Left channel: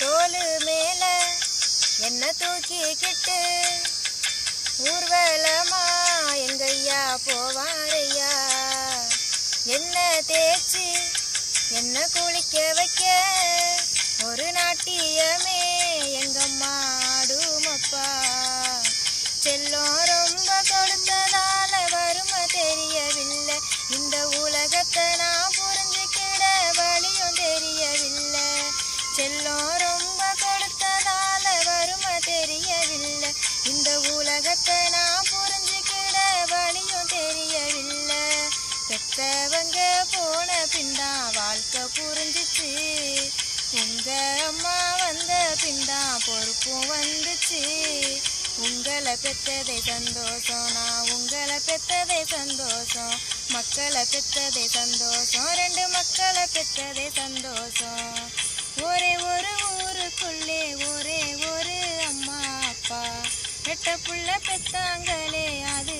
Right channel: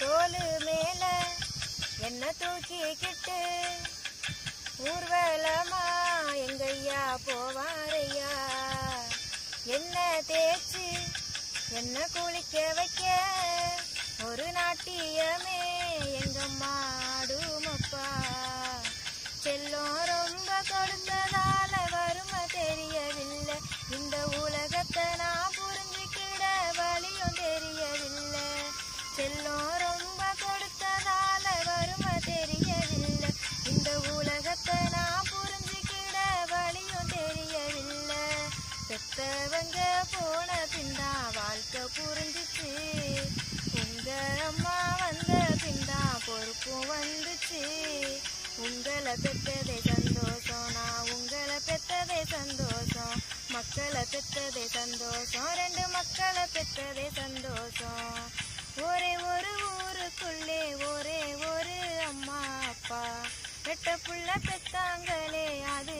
தோளு மேல என்ன தூக்கிக்கிட்டு ஊர்வலமா எங்கய்யா போவாரையா. என்ன தேய்ச்சி என்ன குளிக்க வைக்க ஒரு நாட்டியமே எங்கம்மா ஆடுமப்பா. செல்லம் ரொம்ப கொடுத்ததால வறுமை தெரியவில்லை, இந்த உலகத்தை நான் புரிஞ்சுக்கிட வழியும் தெரியவில்லை. செல்லம் ரொம்ப கொடுத்ததால வறுமை தெரியவில்லை, இந்த உலகத்தை நான் புரிஞ்சுக்கிட வழியும் தெரியவில்லை. பெத்தவங்க போன பின்தான் வாழ்க்கை புரிஞ்சிச்சு, உங்க அம்மா வந்த பின்தான் பொறுப்பும் வந்துச்சு. உங்களை பெற்றதே சந்தோஷம், நான் உங்களை பெற்றதே சந்தோஷம். மக்களை பெற்றதே சந்தோஷம், 2 மக்களை பெற்றதே சந்தோஷம். ஒரே ஒரு ஊருக்குள்ளே ஒரே ஒரு அம்மா அப்பா, 8 புள்ள பெத்தாங்களே அது